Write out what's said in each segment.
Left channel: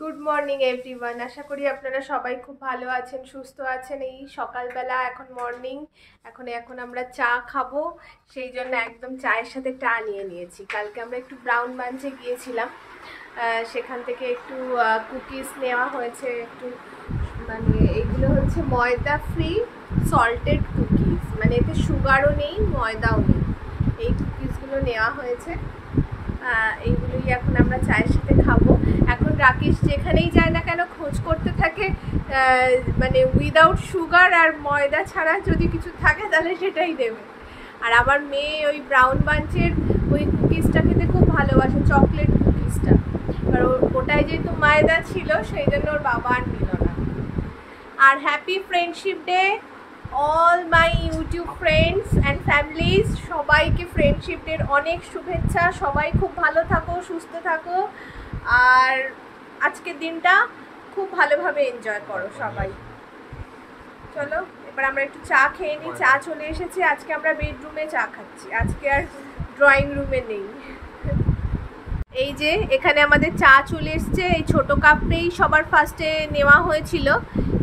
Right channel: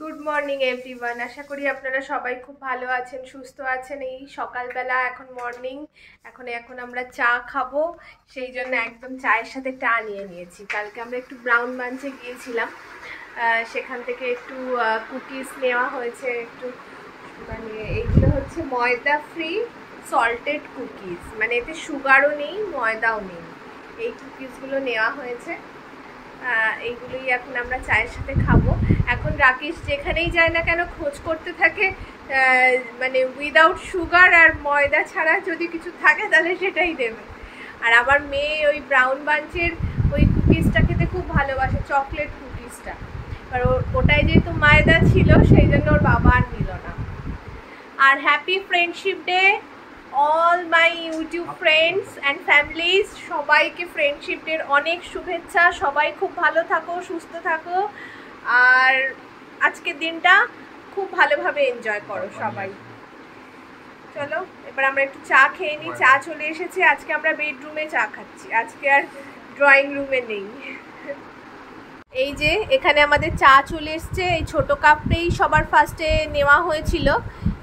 Good morning everyone. আশা করি আপনারা সবাই খুব ভালো আছেন, সুস্থ আছেন। এই সকালবেলা এখন মর্নিং, এখন আমরা চা খাবো, সেই জন্য একদম চায়ের সাথে চা নিয়ে নিয়েছি। কালকে আমরা একটু ব্রাউন বাঞ্চে গিয়েছিলাম, সেখান থেকে একটু কুকিজ নেওয়া হয়েছে। একটু মানে এইগুলো হচ্ছে ময়দা ফ্রি সল্টেড কুকিজ, মানে এতে সুগারও নেই ময়দাও নেই। এই কুকিজগুলো নেওয়া হয়েছে, এইগুলোই এখন আমরা চায়ের সাথে খাবো। এখন রাকেশ যেখানেই যায় না কেন খোঁজ করতে থাকে, মানে উইদাউট সুগার আর ময়দা ছাড়া যদি কিছু থাকে তাহলে সেটাই দেবে। আর আমার মেয়ে ওই ব্রাউন বাঞ্চের ওই কুকিজটা খেতে খুব ভালোবাসে, চকলেট কুকিজটা। আর ওটাই যেহেতু ময়দা ছিল সেই জন্য ওর বাবা আর নিল না। আর happy friendship day all my YouTube friends and families. সবাইকে ফ্রেন্ডশিপ ডের অনেক শুভেচ্ছা। সবাই খুব ভালো থাকো, সুস্থ থাকো, আর আজকের দিনটা খুব ভালোভাবে এনজয় করো সবাই। চলো এবার আমরা একটু চা খেয়ে নিই। চা চলে এসেছে। আজকে আমরা বেডরুমে চা খাচ্ছি, আজকে আর ড্রয়িং রুমে নেই। এই যে এখানে আমাদের চা চলে এসছে। এই ছোটো কাপটাই সবার ফার্স্টে নেওয়া হয়েছিল,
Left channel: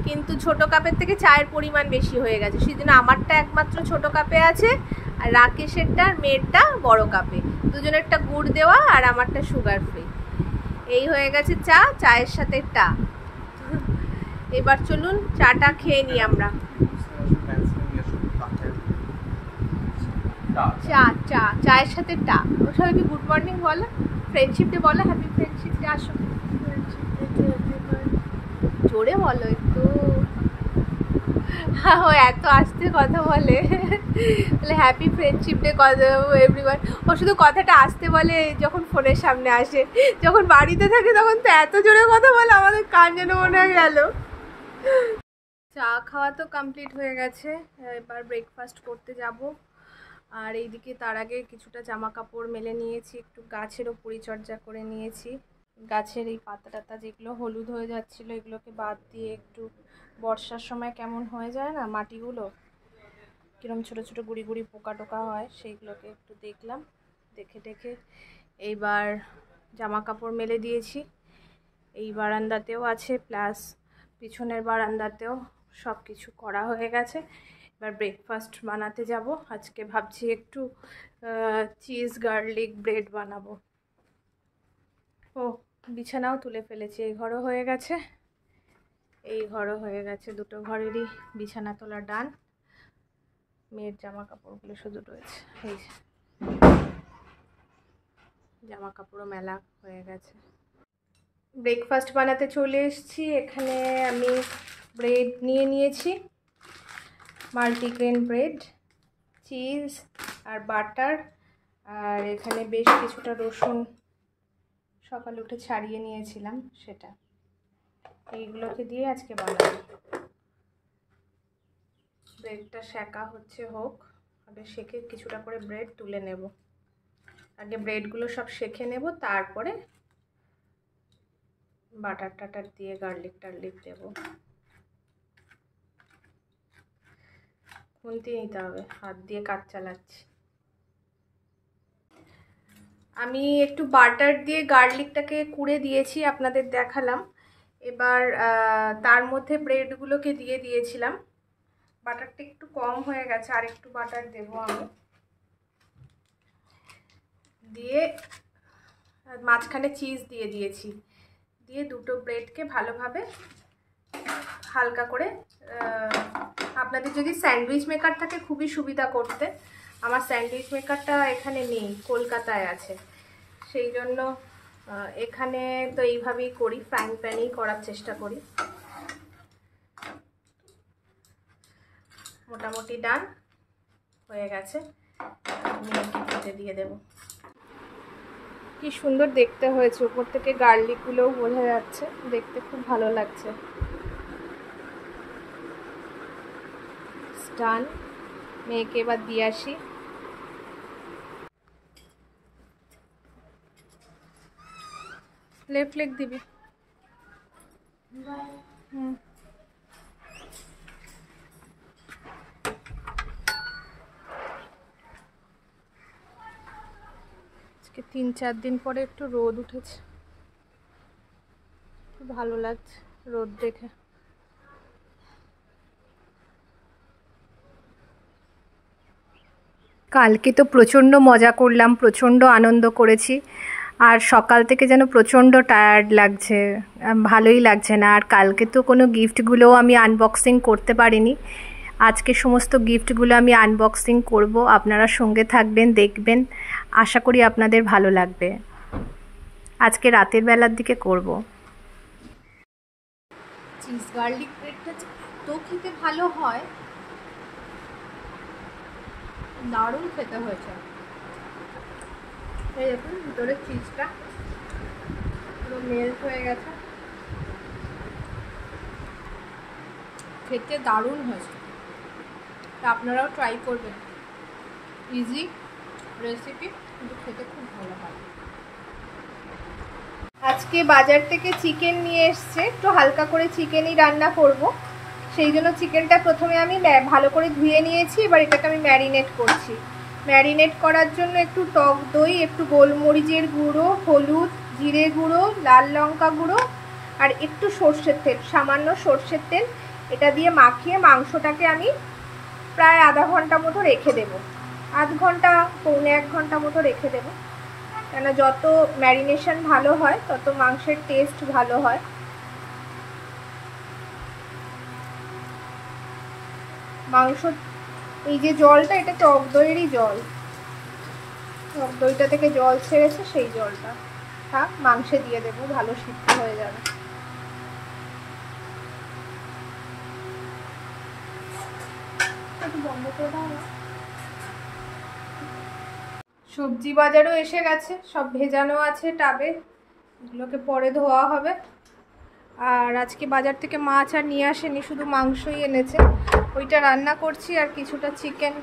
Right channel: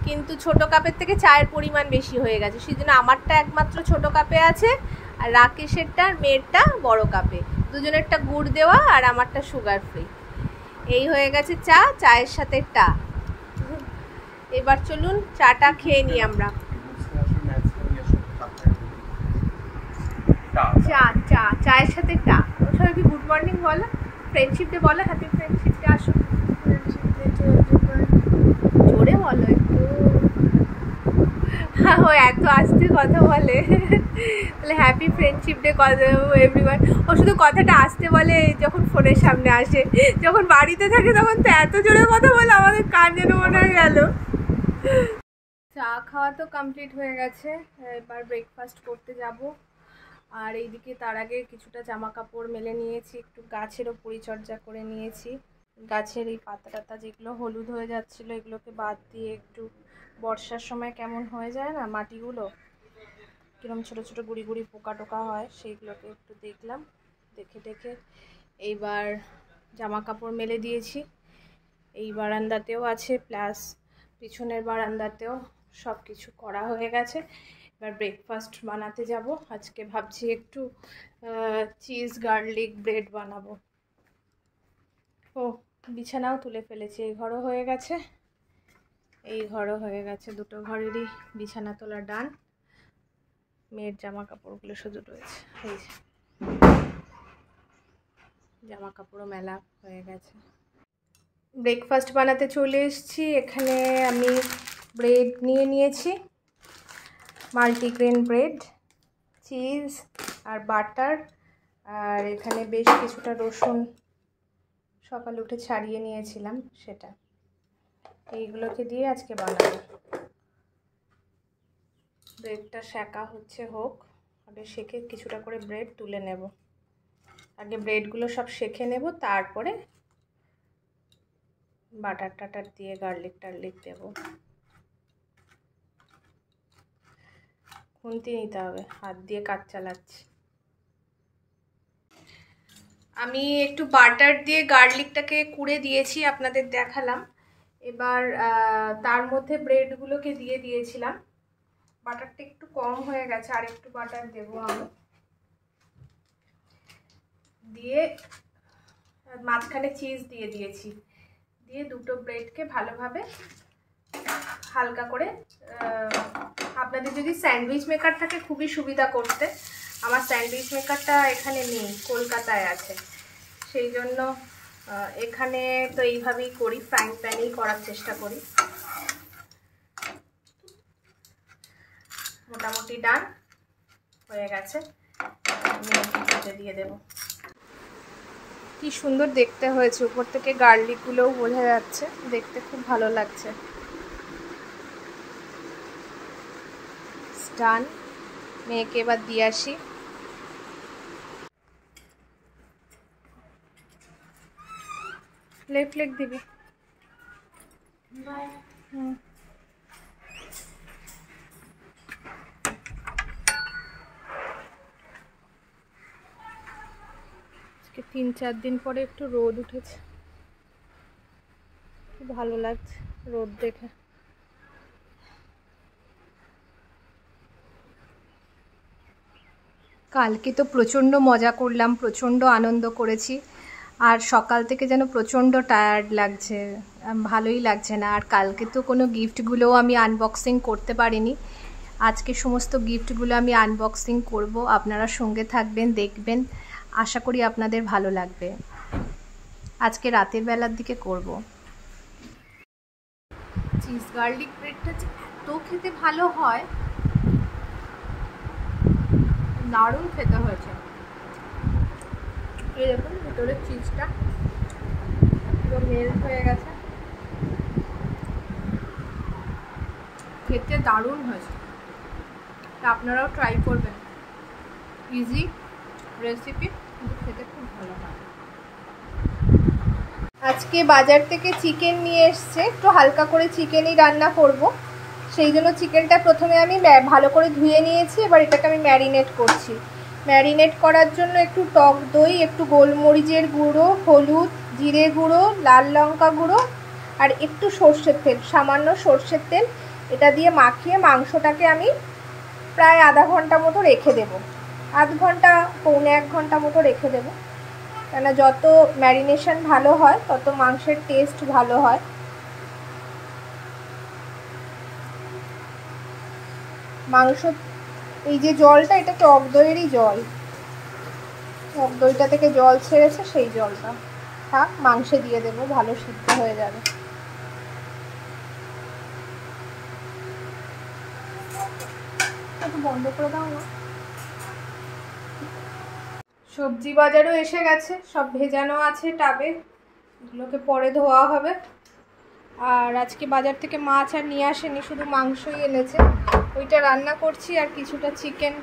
কিন্তু ছোট কাপের থেকে চায়ের পরিমাণ বেশি হয়ে গেছে, সেই জন্য আমারটা একমাত্র ছোট কাপে আছে, আর রাকেশেরটা আর মেয়েরটা বড় কাপে। দুজনেরটা গুড় দেওয়া আর আমারটা সুগার ফ্রি। এই হয়ে গেছে চা, চায়ের সাথে টা। এবার চলুন চাটা খেয়ে নিই আমরা। চা চা চায়ের সাথে টা। ওর সবাই কি গুড মর্নিং বলো, ফ্রেন্ডশিপ ডে বলো, হ্যাপি ফ্রেন্ডশিপ ডে। আসো জোরে বলো একটু। ও এত আস্তে কথা বলে, তাহলে হ্যাপি ফ্রেন্ডশিপ ডে এভরিওয়ান। ও শুধু কথাটা আসতে বলে যখন ফোনের সামনে আসে, যখন বাড়িতে থাকে তখন তো এত জোরে কথা বলে আমাদের কান যেন মনে হয়ে গেল। চা খাওয়া তো কমপ্লিট হয়ে গেছে, এবার ব্রেকফাস্ট করতে যাব। আর এইদিকে তার আগে কিছুটা জামা কাপড় মেলে নিয়েছি, একটু গাছেরও পরিচর্যা করে নিয়েছি। গাছের এই পাতা টাতা যেগুলো হলুদ হয়ে যাচ্ছিলো এগুলোকে বাদ দিয়ে, একটু বর্ষার সময় কেমন হয়ে যায় না মাটিগুলো, কিরম ছোট ছোট গুড়ি গুড়ি পোকা টোকা হয়, সেইগুলোকে একটু দেখলাম, দেখে এইবার জামা কাপড় মেলে দিয়েছি। এই বারান্দাতেও আছে, প্লাস পিছনের বারান্দাতেও সব কিছু করা হয়ে গেছে। এবার ব্রেকফাস্ট বানাতে যাব। আজকে ভাবছি একটু চিজ গার্লিক ব্রেড বানাবো। ও বিছানাও তুলে ফেলেছি, এই ঘরও হয়ে গেছে, এই ঘরও হয়ে গেছে, দুটো ঘরেরই বিছানা তোলা ডান। মেয়ের জামা কাপড়গুলো শুধু রয়েছে, এই যে জামা কাপড়ও মেলা হয়ে গেছে। ব্রেকফাস্ট বানাতে চলে এসেছি। এখানে আমি ব্রেড নিয়ে নিয়েছি, মাল্টিগ্রেন ব্রেড, চিজ আর বাটার, আর এখানে বেশ কিছুটা রসুন সকালে উঠে ছাড়িয়ে নিয়েছিলাম, সেটা। এইগুলোকে দিয়ে আজকে বানাবো। ব্রেডটা সেকা হচ্ছে, হোক, আগে সেকে কিছুটা করে ব্রেড তুলে নেব। আগে ব্রেডগুলো সব সেকে নেব, তারপরে বাটার টাটার দিয়ে গার্লিক টার্লিক দেব। খুন্তি নিতে হবে, হাত দিয়ে কাজ চালাচ্ছি। আমি একটু বাটার দিয়ে গার্লিকটাকে কুড়ে দিয়েছি, আপনাদের দেখালাম। এবার তার মধ্যে ব্রেডগুলোকে দিয়ে দিয়েছিলাম। বাটারটা একটু কম হয়ে গেছে, আর একটু বাটার দেবো আমি। দিয়ে মাঝখানে চিজ দিয়ে দিয়েছি, দিয়ে দুটো ব্রেডকে ভালোভাবে হালকা করে, আপনাদের যদি স্যান্ডউইচ মেকার থাকে খুবই সুবিধা করতে। আমার স্যান্ডউইচ মেকারটা এখানে নেই, কলকাতায় আছে, সেই জন্য এখানে তো এইভাবেই করি, ফ্রাইং প্যানেই করার চেষ্টা করি। মোটামুটি ডান হয়ে গেছে, আমি দিয়ে দেবো। কি সুন্দর দেখতে হয়েছে, উপর থেকে গার্লিকগুলোও বোঝা যাচ্ছে, দেখতে খুব ভালো লাগছে। ডান, মেয়েকে এবার দিয়ে আসি। লেফট লেগ দিবি। হুম, আজকে 3-4 দিন পরে একটু রোদ উঠেছে, ভালো লাগছে রোদ দেখে। কালকে তো প্রচণ্ড মজা করলাম, প্রচণ্ড আনন্দ করেছি, আর সকাল থেকে যেন প্রচণ্ড টায়ার্ড লাগছে, ভালোই লাগছে না। আর কালকে তো কোনো গিফটগুলোও আমি আনবক্সিং করতে পারিনি। আজকে সমস্ত গিফটগুলো আমি আনবক্সিং করব, আপনারা সঙ্গে থাকবেন, দেখবেন, আশা করি আপনাদের ভালো লাগবে। আজকে রাতের বেলার দিকে করব। চিজ গার্লিক ব্রেডটা এত খেতে ভালো হয়, দারুণ খেতে হয়েছে। এই দেখুন ভিতরে চিজটা পুরো মেল্ট হয়ে গেছে, খেতে দারুণ হয়েছে। তা আপনারাও ট্রাই করবেন, ইজি রেসিপি, কিন্তু খেতে খুব ভালো হয়। আজকে বাজার থেকে চিকেন নিয়ে এসছে, একটু হালকা করে চিকেনই রান্না করব। সেই জন্য চিকেনটা প্রথমে আমি ভালো করে ধুয়ে নিয়েছি, এবার এটাকে আমি ম্যারিনেট করছি। ম্যারিনেট করার জন্য একটু টক দই, একটু গোলমরিচের গুঁড়ো, হলুদ, জিরে গুঁড়ো, লাল লঙ্কা গুঁড়ো আর একটু সর্ষের তেল, সামান্য সর্ষের তেল, এটা দিয়ে মাখিয়ে মাংসটাকে আমি প্রায় আধা ঘন্টা মতো রেখে দেব। আধ ঘন্টা পৌনে 1 ঘন্টা মতো রেখে দেবো, কেন যত ম্যারিনেশন ভালো হয় তত মাংসের টেস্ট ভালো হয়। মাংস এই যে জলটা, এটা টক দইয়েরই জল, টক দইটা থেকে জল ছেড়েছে, সেই জলটা থাক, মাংসে দিয়ে দেবো, ভালো সিদ্ধ হয়ে যাবে। একটু বন্ধ করে দাও না। সবজি বাজারও এসে গেছে, সব ভেজানো আছে টাবে, এগুলোকে পরে ধোয়া হবে। আর আজকে বাজার থেকে মাছ আর নিয়ে আসেনি, শুধু মাংসই এনেছে, ওইটা রান্না করছি। আর কিছুটা চিকেন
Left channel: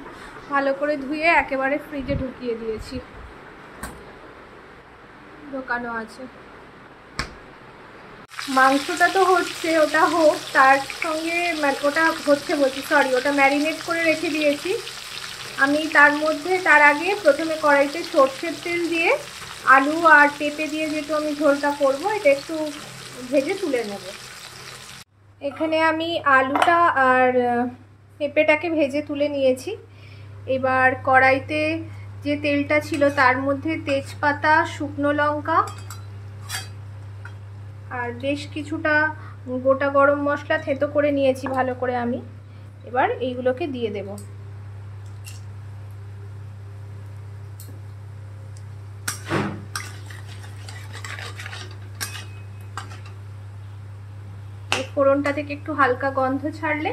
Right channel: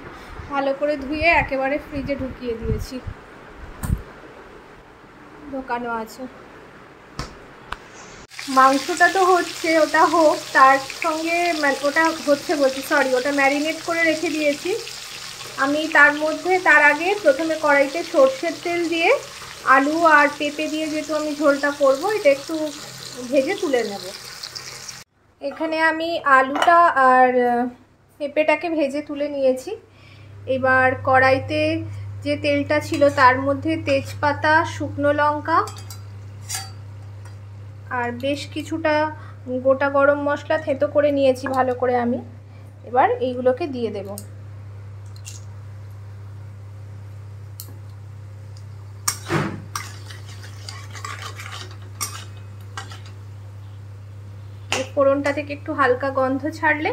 ভালো করে ধুয়ে একেবারে ফ্রিজে ঢুকিয়ে দিয়েছি, ঢোকানো আছে। মাংসটা তো হচ্ছে, ওটা হোক, তার সঙ্গে ওটা হচ্ছে বলছি, সরি, ওটা ম্যারিনেট করে রেখে দিয়েছি আমি। তার মধ্যে তার আগে প্রথমে কড়াইতে সর্ষের তেল দিয়ে আলু আর পেঁপে দিয়ে যেহেতু আমি ঝোলটা করবো, এটা একটু ভেজে তুলে নেব। এখানে আমি আলুটা আর পেঁপেটাকে ভেজে তুলে নিয়েছি। এবার কড়াইতে যে তেলটা ছিল তার মধ্যে তেজপাতা, শুকনো লঙ্কা আর বেশ কিছুটা গোটা গরম মশলা থেঁতো করে নিয়েছি ভালো করে আমি। এবার এইগুলোকে দিয়ে দেব। ফোড়নটা থেকে একটু হালকা গন্ধ ছাড়লে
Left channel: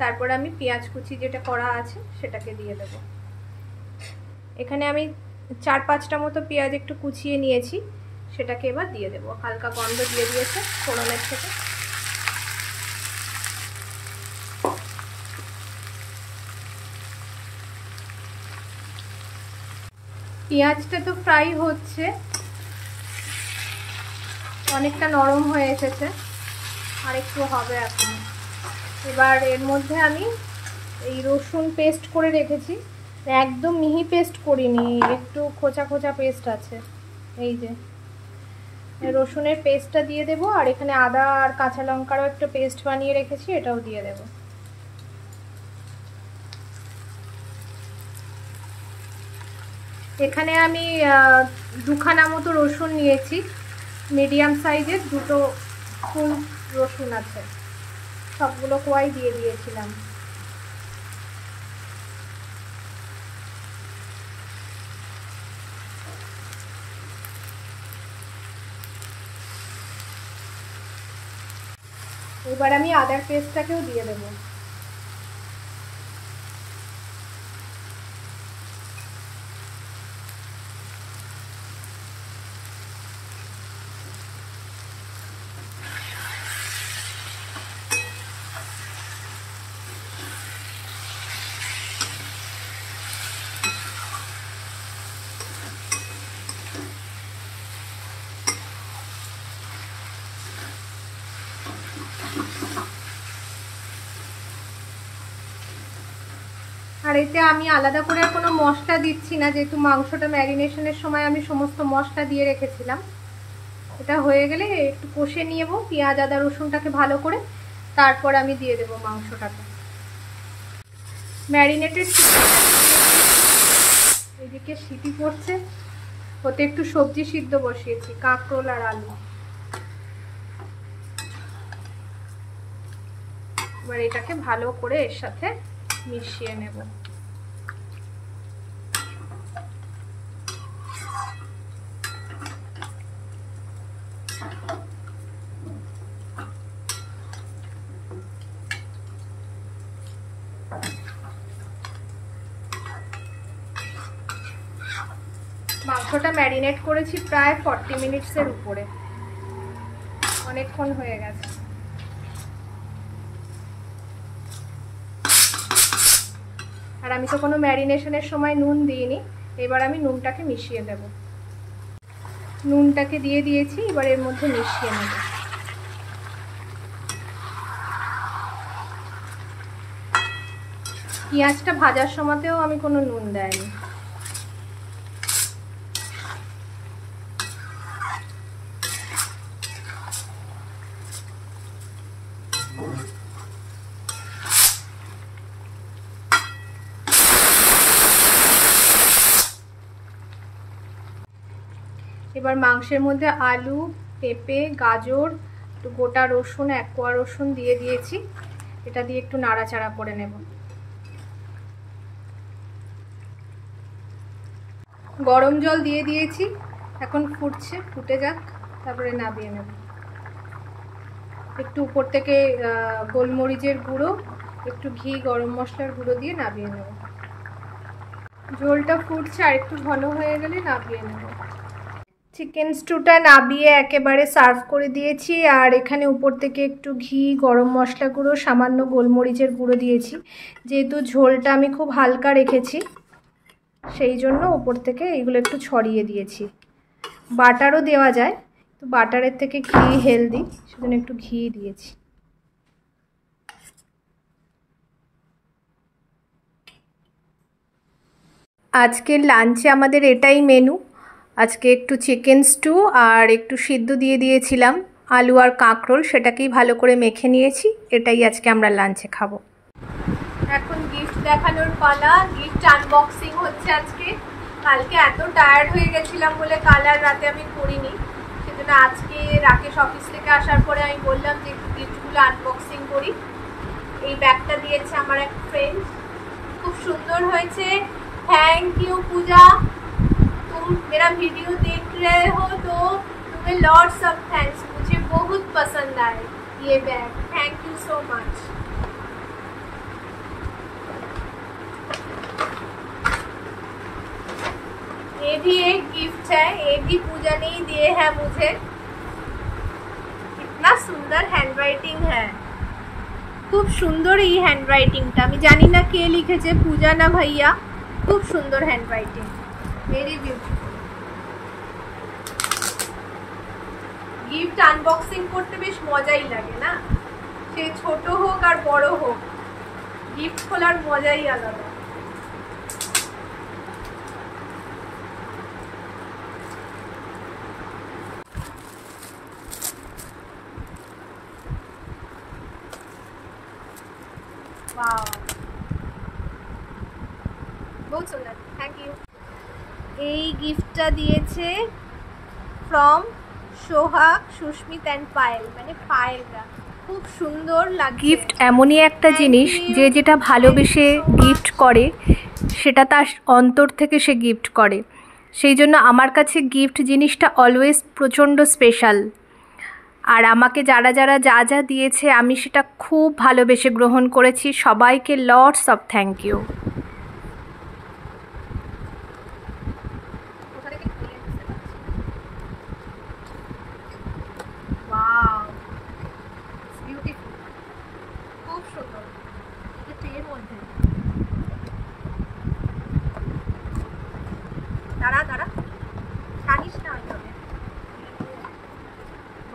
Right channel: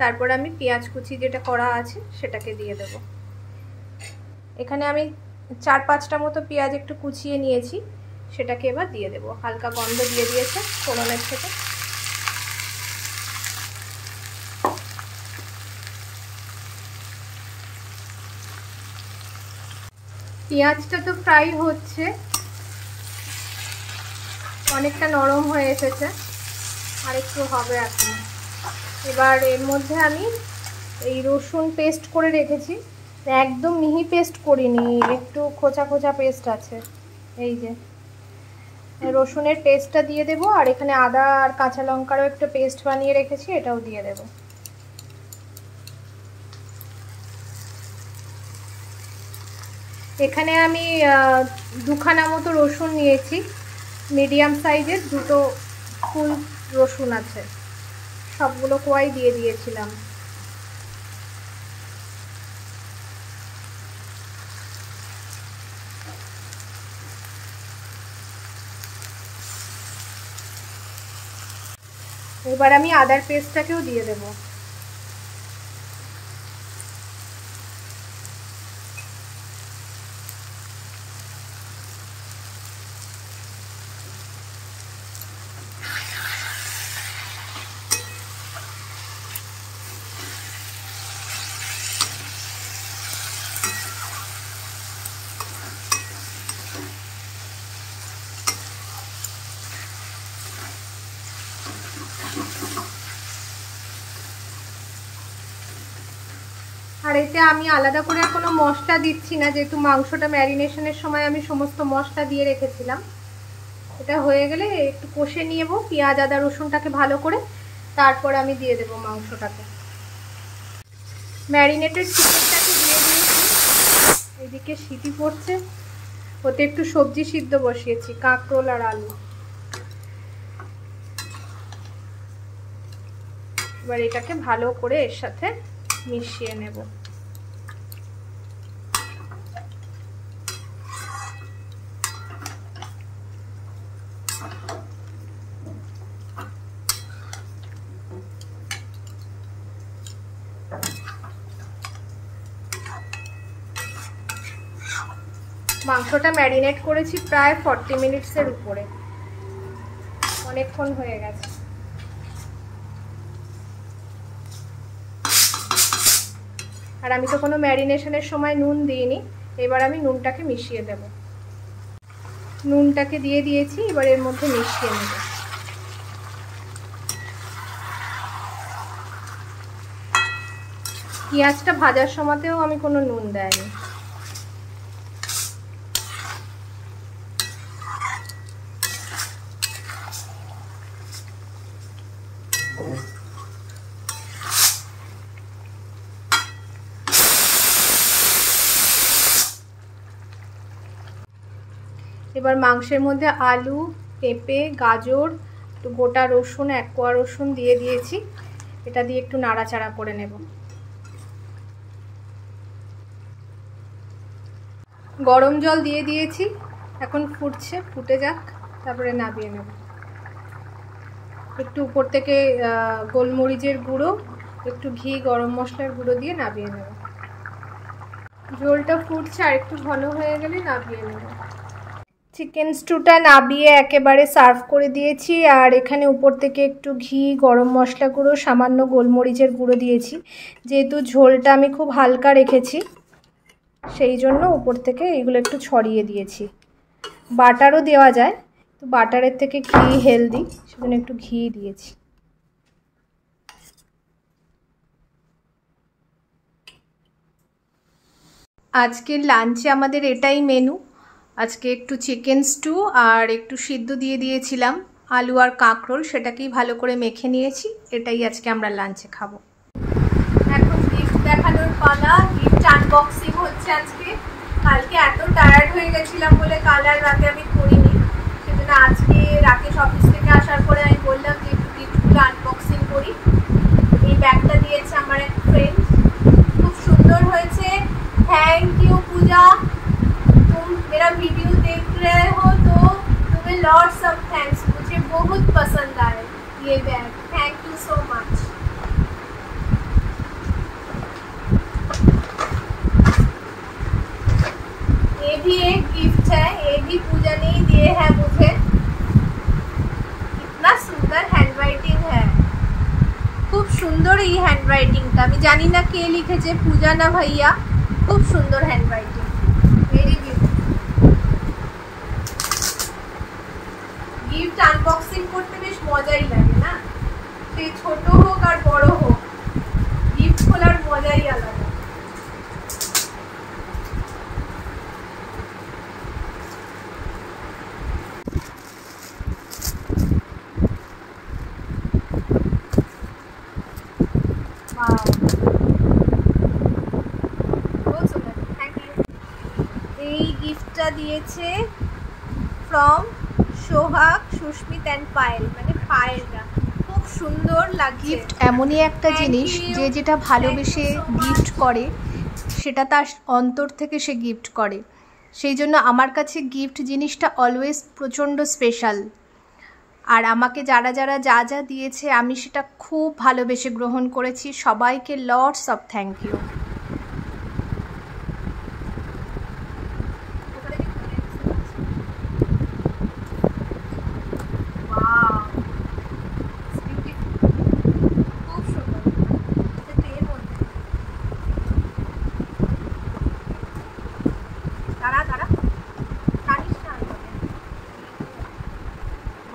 তারপর আমি পেঁয়াজ কুচি যেটা করা আছে সেটাকে দিয়ে দেব। এখানে আমি 4-5টা মতো পেঁয়াজ একটু কুচিয়ে নিয়েছি, সেটাকে এবার দিয়ে দেব। হালকা গন্ধ দিয়ে দিয়েছে ফোড়নের থেকে। পেঁয়াজটা তো ফ্রাই হচ্ছে, অনেকটা নরম হয়ে এসেছে, আর একটু হবে এখন। এবার এর মধ্যে আমি এই রসুন পেস্ট করে রেখেছি, একদম মিহি পেস্ট করিনি, একটু খোঁচা খোঁচা পেস্ট আছে, এই যে রসুনের পেস্টটা দিয়ে দেব। আর এখানে আদা আর কাঁচা লঙ্কারও একটু পেস্ট বানিয়ে রেখেছি, এটাও দিয়ে দেব। এখানে আমি 2খানা মতো রসুন নিয়েছি, মিডিয়াম সাইজের, 2টো ফুল রসুন আছে, সবগুলো কোয়াই দিয়ে দিয়েছিলাম। এবার আমি আদার পেস্টটাকেও দিয়ে দেবো। আর এতে আমি আলাদা করে কোনো মশলা দিচ্ছি না, যেহেতু মাংসটা ম্যারিনেশনের সময় আমি সমস্ত মশলা দিয়ে রেখেছিলাম। এটা হয়ে গেলে একটু কষে নিয়ে নেবো পেঁয়াজ আদা রসুনটাকে ভালো করে, তারপর আমি দিয়ে দেবো মাংসটাকে। ম্যারিনেটেড চিকেনটাকে দিয়ে দিয়েছি, এদিকে সিটি পড়ছে, ওতে একটু সবজি সিদ্ধ বসিয়েছি, কাঁকরোল আর আলু। এবার এটাকে ভালো করে এর সাথে মিশিয়ে নেব। মাংসটা ম্যারিনেট করেছি প্রায় 40 মিনিটসের উপরে, অনেকক্ষণ হয়ে গেছে। আর আমি তো কোনো ম্যারিনেশনের সময় নুন দিইনি, এবার আমি নুনটাকে মিশিয়ে দেব। নুনটাকে দিয়ে দিয়েছি, এবার এর মধ্যে মিশিয়ে নেব। পেঁয়াজটা ভাজার সময়তেও আমি কোনো নুন দেইনি। এবার মাংসের মধ্যে আলু, পেঁপে, গাজর, একটু গোটা রসুন, 1 কোয়া রসুন দিয়ে দিয়েছি। এটা দিয়ে একটু নাড়াচাড়া করে নেব। গরম জল দিয়ে দিয়েছি, এখন ফুটছে, ফুটে যাক, তারপরে নামিয়ে নেব। একটু উপর থেকে গোলমরিচের গুঁড়ো, একটু ঘি, গরম মশলার গুঁড়ো দিয়ে নামিয়ে নেব। ঝোলটা ফুটছে, আর একটু ঘন হয়ে গেলে নামিয়ে নেব। চিকেন স্টুটা নামিয়ে একেবারে সার্ভ করে দিয়েছি, আর এখানে উপর থেকে একটু ঘি, গরম মশলা গুঁড়ো, সামান্য গোলমরিচের গুঁড়ো দিয়েছি। যেহেতু ঝোলটা আমি খুব হালকা রেখেছি, সেই জন্য উপর থেকে এগুলো একটু ছড়িয়ে দিয়েছি। বাটারও দেওয়া যায়, তো বাটারের থেকে ঘি হেলদি, সেজন্য একটু ঘি দিয়েছি। আজকের লাঞ্চে আমাদের এটাই মেনু। আজকে একটু চিকেন স্টু আর একটু সিদ্ধ দিয়ে দিয়েছিলাম আলু আর কাঁকরোল, সেটাকেই ভালো করে মেখে নিয়েছি। এটাই আজকে আমরা লাঞ্চে খাবো। এখন গিফট দেখানোর পালা, গিফট আনবক্সিং হচ্ছে আজকে। কালকে এত টায়ার্ড হয়ে গেছিলাম বলে কাল আর রাতে আমি করিনি, সেজন্য আজকে রাকেশ অফিস থেকে আসার পরে আমি বললাম যে একটু গিফটগুলো আনবক্সিং করি। এই ব্যাগটা দিয়েছে আমার এক ফ্রেন্ড, খুব সুন্দর হয়েছে। थैंक यू पूजा, तुम मेरा वीडियो देख रहे हो तो तुम्हें लॉट्स ऑफ थैंक्स, मुझे बहुत पसंद आए ये bag, thank you so much. ये भी एक गिफ्ट है, ये भी पूजा ने ही दिए हैं मुझे। इतना सुंदर हैंडराइटिंग है, खूब सुंदर ये हैंडराइटिंगটা। আমি জানি না কে লিখেছে, পূজা না ভাইয়া, খুব সুন্দর handwriting, very beautiful. Gift unboxing করতে বেশ মজাই লাগে না, সে ছোট হোক আর বড় হোক, গিফট খোলার মজাই আলাদা। এই গিফটটা দিয়েছে from Sohag, Susmit and Payel, মানে পায়েলরা। খুব সুন্দর লাগে। গিফট এমনই একটা জিনিস, যে যেটা ভালোবেসে গিফট করে সেটা তার অন্তর থেকে সে গিফট করে। সেই জন্য আমার কাছে গিফট জিনিসটা অলওয়েজ প্রচণ্ড স্পেশাল। আর আমাকে যারা যারা যা যা দিয়েছে আমি সেটা খুব ভালোবেসে গ্রহণ করেছি। সবাইকে lots of thank you.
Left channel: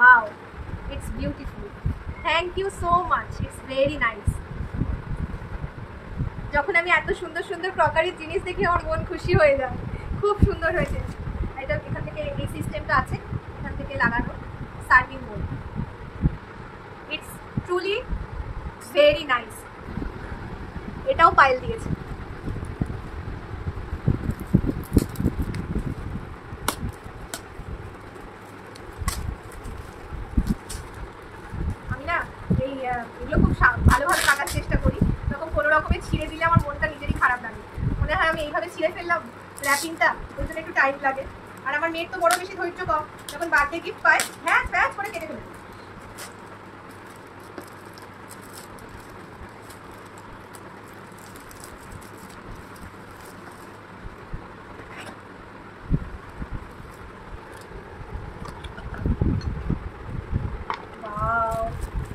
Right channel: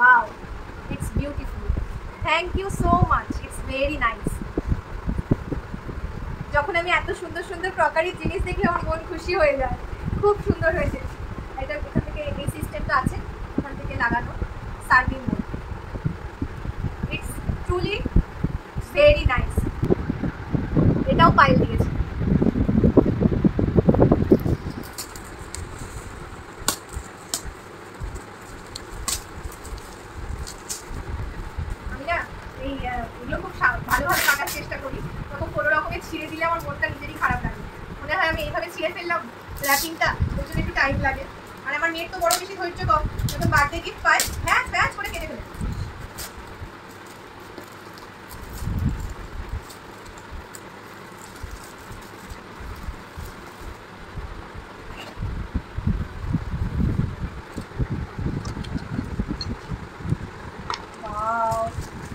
Wow, it's beautiful. Thank you so much. It's very nice. যখন আমি এত সুন্দর সুন্দর ক্রকারি জিনিস দেখি আমার মন খুশি হয়ে যায়। খুব সুন্দর হয়েছে। এটা এখান থেকে এই সিস্টেমটা আছে, এখান থেকে লাগানো। Serving mode. It's truly very nice. এটাও পাইল দিয়েছে। আমি না এই এগুলো খুব ভালোভাবে কাটার চেষ্টা করি, তখন কোনো রকমের ছিঁড়ে দিলে আমার মনটা নিজেরই খারাপ লাগে। মনে হয় আমি এইভাবে ছিঁড়ে ফেললাম র্যাপিংটা, ওই জন্য একটু টাইম লাগে। আর আমার মেয়ের তো বড় বেশি ধৈর্য কম, যখন বার্থডে গিফট পায় হ্যাঁ ব্যাচ করে কেটে ফেলে।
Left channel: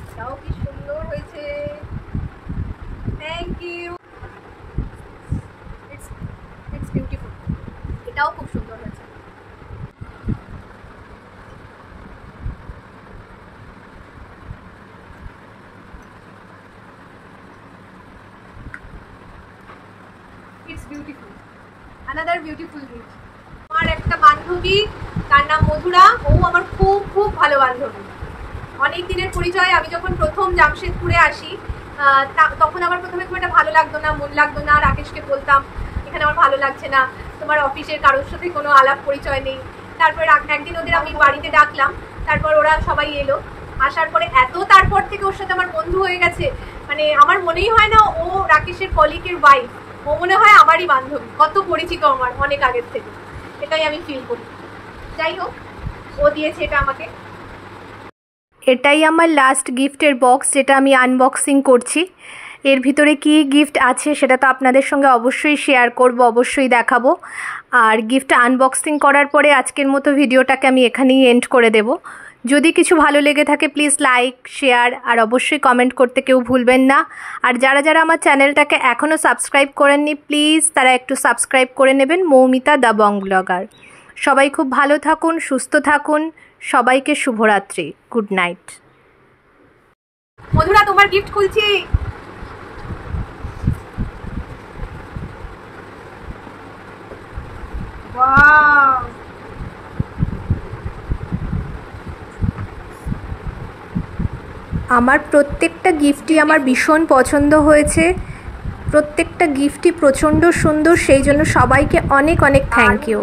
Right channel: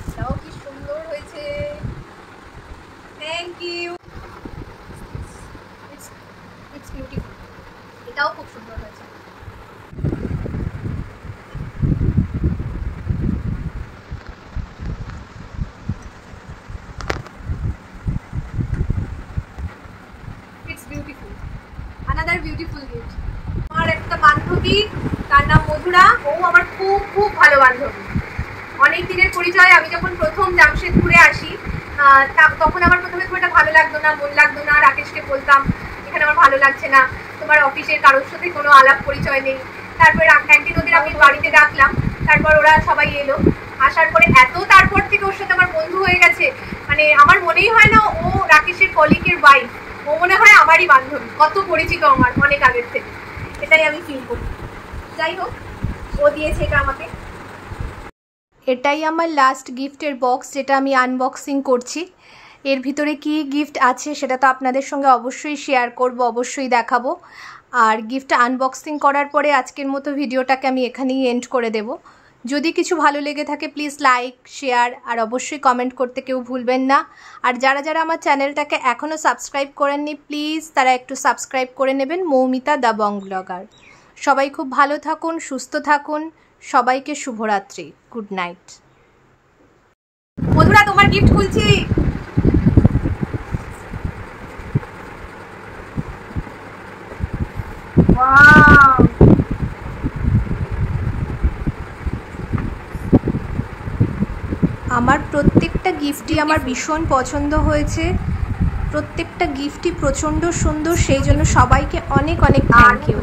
এটাও কি সুন্দর হয়েছে, থ্যাংক ইউ। It's beautiful. এটাও খুব সুন্দর হয়েছে। It's beautiful, another beautiful gift. আমার একটা বান্ধবী, তার নাম মধুরা, ও আমার খুব খুব ভালো বান্ধবী, অনেক দিনের পরিচয়। আমি যখন প্রথম জামশেদপুরে আসি তখন আমার প্রথমে খুব একটা ভালো লাগতো না, মন লাগতো না। রাকেশকে বলতাম এখানে আমার ভালো লাগছে না, তোমার অফিসের কারোর সাথে কোনো আলাপ পরিচয় নেই। তারপর একদিন ওদের আমি বাড়িতে ডাকলাম, তারপর ওরা সবাই এলো। আসার পরে তারপর থেকে ওর সাথে আমার বন্ধু হয়ে গেছে, মানে আমার মনেই হয় না ও রাকেশের কলিগের ওয়াইফ, ও মনে হয় আমারই বান্ধবী। কত পরিচিত আমার অনেক আগের থেকে, এটাই আমি ফিল করি। যাই হোক, ও দিয়েছে এটা আমাকে। এটাই আমার লাস্ট গিফটের বক্স, যেটা আমি আনবক্সিং করছি। এর ভিতরে কি গিফট আছে সেটা তো আপনাদের সঙ্গে অবশ্যই শেয়ার করব, অবশ্যই দেখাবো। আর গিফট আনবক্সিং করার পরে আজকের মতো ভিডিওটাকে আমি এখানেই এন্ড করে দেব। যদি কিছু ভালো লেগে থাকে প্লিজ লাইক, শেয়ার আর অবশ্যই কমেন্ট করতে কেউ ভুলবেন না। আর যারা যারা আমার চ্যানেলটাকে এখনও সাবস্ক্রাইব করেননি প্লিজ তারা একটু সাবস্ক্রাইব করে নেবেন। Moumita the Bong blogger. সবাই খুব ভালো থাকুন, সুস্থ থাকুন, সবাইকে শুভরাত্রি, গুড নাইট। মধুরা তোমার গিফট খুলছি। ওয়াও, আমার প্রত্যেকটা গিফটই আমার ভীষণ পছন্দ হয়েছে, প্রত্যেকটা গিফটই প্রচণ্ড সুন্দর, সেই জন্য সবাইকে অনেক অনেক থ্যাংক ইউ।